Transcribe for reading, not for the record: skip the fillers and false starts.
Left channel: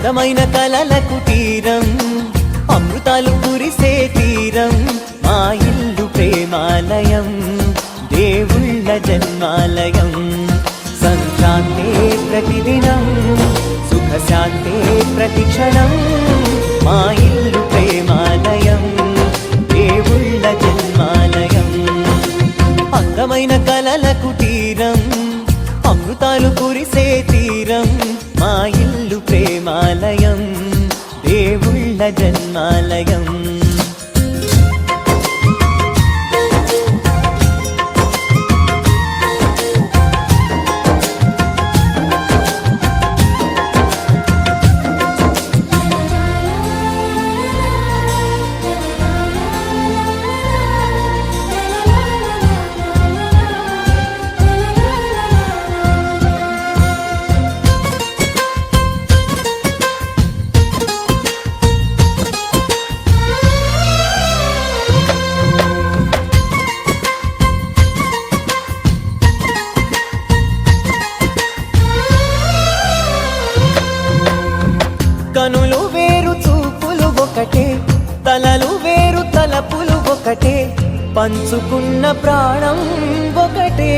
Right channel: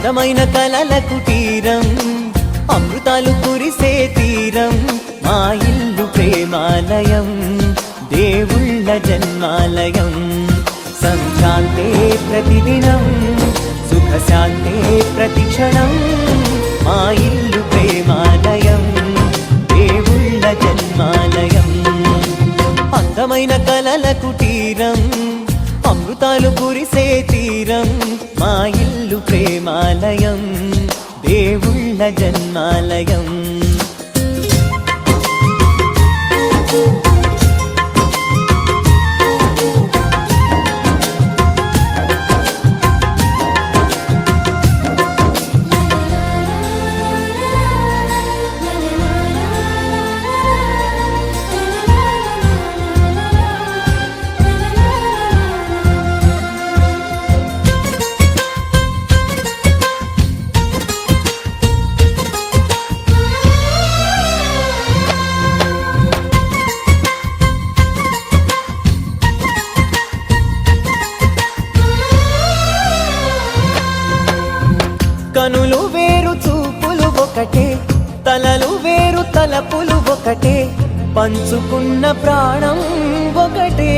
అందమైన కలల కుటీరం, అమృతాలు కురిసే తీరం, మా ఇల్లు ప్రేమాలయం, దేవుళ్ళ జన్మాలయం. సంక్రాంతే ప్రతిదినం, సుఖశాంతే ప్రతిక్షణం, మా ఇల్లు ప్రేమాలయం, దేవుళ్ళ జన్మాలయం. అందమైన కలల కుటీరం, అమృతాలు కురిసే తీరం, మా ఇల్లు ప్రేమాలయం, దేవుళ్ళ జన్మాలయం. కనులు వేరు చూపులు ఒకటే, తలలు వేరు తలపులు ఒకటే, పంచుకున్న ప్రాణం ఒకటే.